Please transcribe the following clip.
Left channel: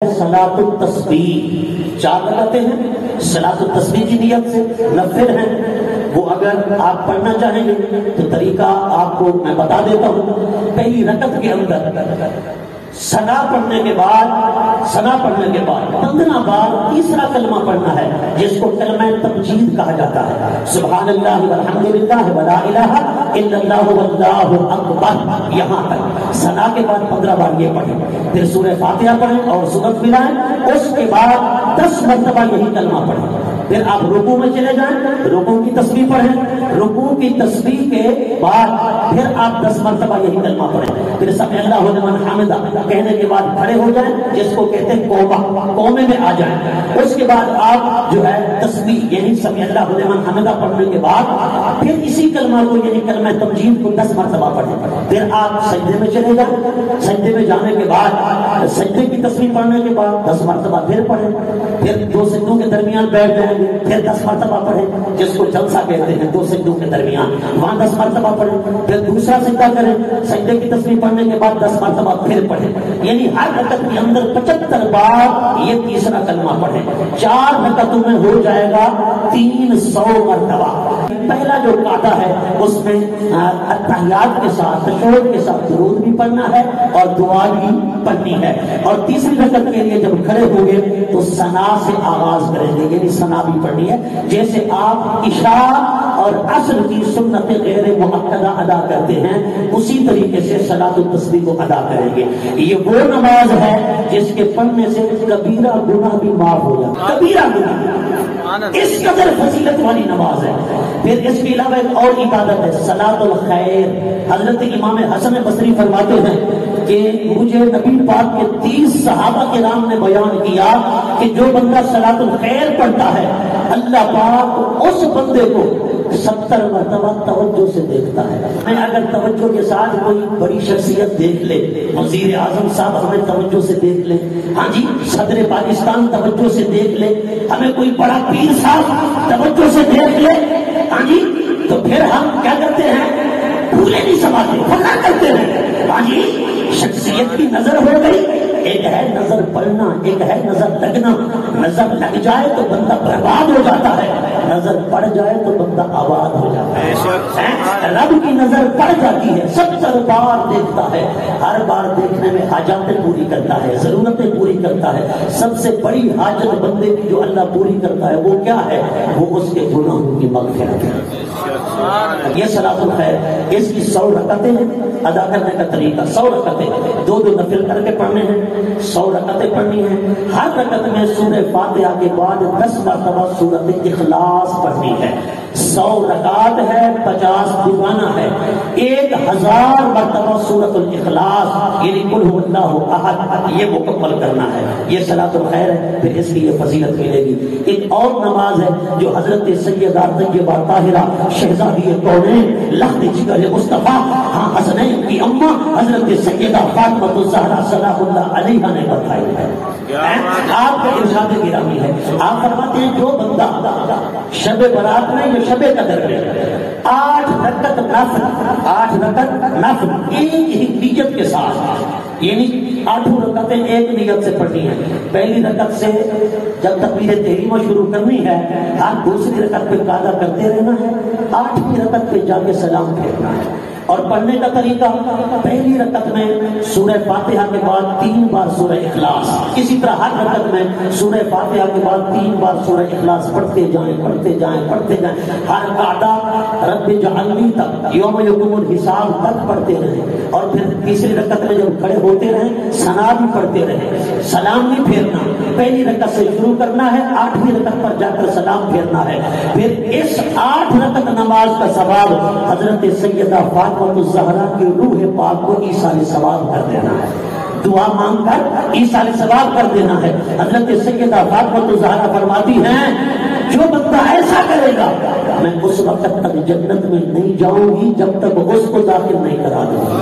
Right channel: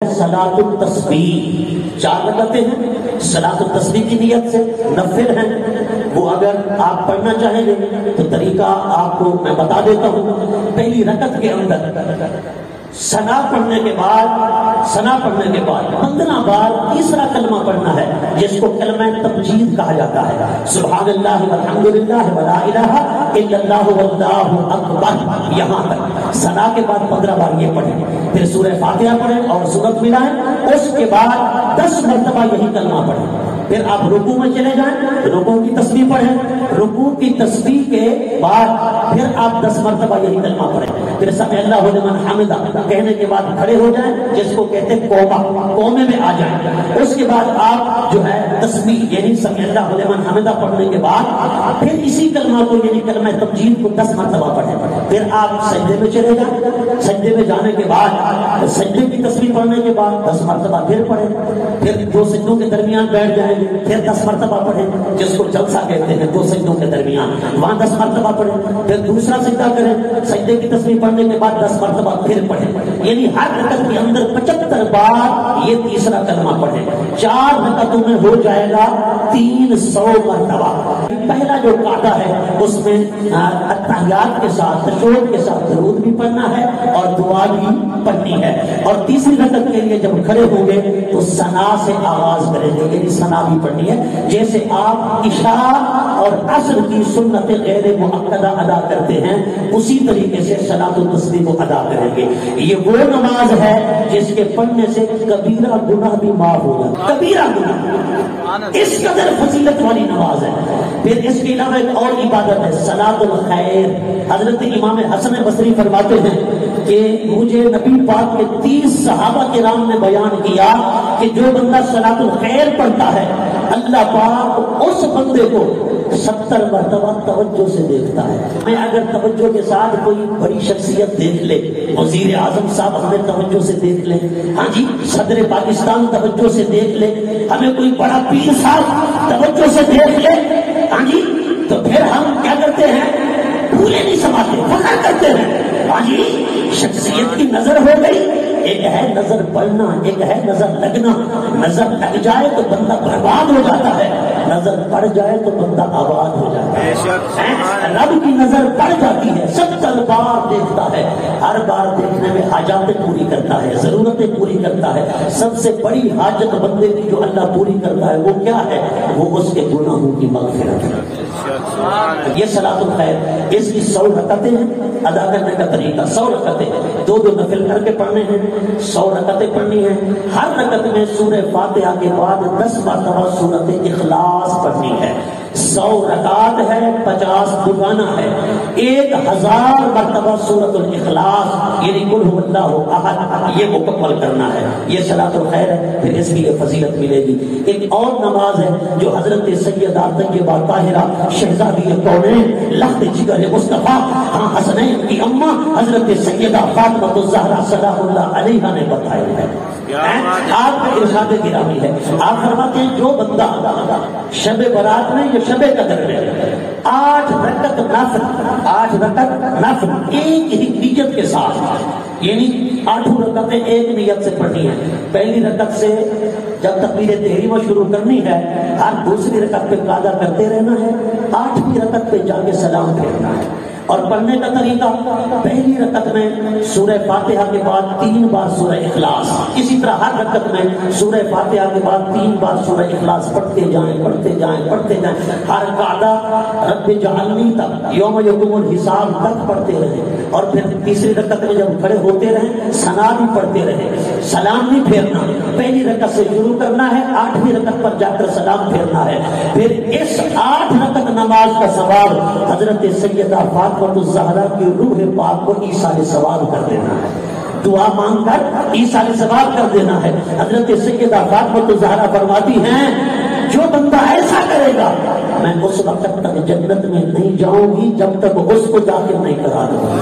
صلاۃ التسبیح 4 رکعتیں ہیں، صلاۃ التسبیح کی نیت سے نفل ہیں، وہ اگر آپ پڑھنا چاہیں گے تو طریقہ آپ کو میں بتا دیتا ہوں۔ پہلی رکعت کے اندر ثنا پڑھنے کے بعد 15 بار تیسرا کلمہ پڑھنا ہے، جس کو کلمہ تمجید کہا جاتا ہے۔ سبحان اللہ والحمد للہ ولا الہ الا اللہ واللہ اکبر، یہاں تک ثنا کے بعد 15 بار یہ پڑھیں، پھر سورہ فاتحہ پڑھیں اور سورت ملائیں، اس کے بعد 10 مرتبہ یہی کلمہ پڑھیں، پھر آپ رکوع میں چلے جائیں، رکوع کی تسبیح پڑھیں، رکوع کی تسبیح کے بعد پھر آپ 10 مرتبہ یہی کلمہ پڑھیں، پھر سمع اللہ لمن حمدہ کہنے کے بعد کھڑے ہو جائیں، جس کو کہتے ہیں قومے میں آ جائیں، اس کے بعد آپ جو ہے تسبیح یعنی سمع اللہ لمن حمدہ پڑھنے کے بعد پھر اسی کلمہ کو یعنی کلمہ تمجید کو 10 مرتبہ پڑھیں، پھر آپ سجدے میں چلے جائیں، سجدے میں جانے کے بعد سجدے کی تسبیح پڑھنے کے بعد 10 مرتبہ پھر پڑھیں، پھر 2 سجدوں کے درمیان بیٹھ جائیں گے، پھر 10 مرتبہ پڑھیں، جس کو جلسہ کہتے ہیں 2 سجدوں کے درمیان، وہاں 10 مرتبہ پڑھیں، پھر دوسرا سجدہ کریں، سجدے کی تسبیح پڑھنے کے بعد 10 مرتبہ پھر پڑھیں، یعنی ہر رکعت کے اندر 75 بار یہ تیسرا کلمہ پڑھیں، 4 رکعتوں میں ہو جائے گا 300 مرتبہ۔ پہلا جو قاعدہ ہے اس میں اتحیات کے ساتھ تشہد کے ساتھ درود بھی پڑھنا ہے اور دعا بھی پڑھنی ہے، اور تیسری رکعت کے لیے جب کھڑے ہوں گے تو ثنا سے آغاز کریں گے، یعنی ثنا بھی پڑھنی ہے، جیسے آپ عشاء اور عصر کی سنت غیر مؤکدہ ادا کرتے ہیں اسی طریقے سے صلاۃ التسبیح کو ادا کریں گے۔ یہ وہ نماز ہے جس کے پڑھنے سے کبیرہ گناہ بھی معاف ہوگا، کبیرہ گناہ، اس قدر فضیلت والی نماز ہے۔ پھر اس کے علاوہ ایک اور عبادت ہے صلاۃ الخیر۔ حضرت امام حسن بصری فرماتے ہیں کہ مجھے نبی پاک کے 30 صحابہ کرام نے بیان کیا کہ جو بندہ صلاۃ الخیر پڑھتا ہے اللہ پاک اس بندے کو 70 مرتبہ توجہ سے دیکھتا ہے۔ میں اگر توجہ کے ساتھ کوئی بڑی شخصیت دیکھ لے، وزیر اعظم صاحب ہمیں توجہ سے دیکھ لے، ہاں جی صدر پاکستان توجہ سے دیکھ لے، ہمیں کوئی بڑا پیر صاحب توجہ سے دیکھ لے، ہاں جی تو پھر ہم کیا کرتے ہیں، پورے نہیں سماتے، پورا کرتے ہیں، ہاں جی شخصیت کی نظر ہو گئی۔ ایک ہے نظر پڑنا، ایک ہے نظر لگنا، نظر لگ جائے تو بندہ برباد ہو جاتا ہے، نظر پڑ جائے تو بندہ آباد ہو جاتا ہے۔ رب کی نظر پڑ جاتی ہے، 70 بار دیکھتا ہے، ہر بار دیکھنے میں حاجاتیں پوری کرتا ہے، ضرورتیں پوری کرتا ہے۔ سب سے بڑی حاجت بندے کی جو اللہ پوری کرتا ہے وہ کیا ہے، وہ اس کے گناہوں کی مغفرت ہے۔ یہ صلاۃ الخیر، اس کی 100 رکعتیں ہیں، ادا کرنے کا طریقہ 100 رکعتیں، 2 نفل کر کے پڑھنے ہیں، 100 رکعتیں پڑھنی ہیں، ہر رکعت میں سورہ فاتحہ کے بعد 10 مرتبہ سورۃ اخلاص پڑھنی ہے۔ 100 رکعت ہے، 50 دعانا ہے، 1000 مرتبہ سورۃ الاخلاص یعنی قل هو اللہ احد یہ مکمل کرنا ہے۔ یہ صلاۃ الخیر ہے، پھر اس کی یہ فضیلت ملے گی۔ ایک اور نماز ہے جو حضرت سیدہ طیبہ طاہرہ شہزادی کونین لخت جگر مصطفیٰ ہاں حسنین کی اماں حضرت سیدہ فاطمہ الزہرا سلام اللہ علیہا نے بتائی ہے۔ آپ کا ارشاد گرامی ہے، آپ فرماتے ہیں جو بندہ شب برات میں یا شب قدر میں 8 رکعت نفل ایک ہی نیت کے ساتھ، یعنی 8 رکعتیں ایک نیت سے پڑھنی ہے۔ پہلی رکعت سے جب تکبیر تحریمہ شروع کرنی ہے، ہر دوسری رکعت پہ قاعدہ کرتے رہنا ہے، 8ویں رکعت پہ جا کے سلام پھیرنا ہے۔ اور پڑھنے کا طریقہ، پہلی رکعت میں سورہ فاتحہ کے بعد 3 بار سورہ اخلاص، اسی طرح ہر رکعت میں سورہ فاتحہ کے بعد 3 بار سورہ اخلاص پڑھتے جائیں ہر قاعدہ رب جعلنی تک یوم یقوم الحساب تک پڑھتے رہیں، اور پھر تیسری رکعت میں جب کھڑے ہوتے رہیں ثنا بھی پڑھتے رہیں، سلام بھی پھیرنا، پہلی رکعت سے شروع کرنا ہے، 8ویں رکعت پر جا کر سلام پھیرنا ہے۔ پھر اس 8 رکعت نماز کا ثواب حضرت سیدہ فاطمہ الزہرا کی روح پاک کو ایصال ثواب کر دینا ہے، دعا مانگ کر ایصال ثواب کر دینا ہے۔ حضرت سیدہ فاطمہ الزہرا فرماتی ہیں جو بندہ ایسا کرے گا میں اس وقت تک جنت میں نہیں جاؤں گی جب تک اس کو داخل نہیں کرا دوں گی۔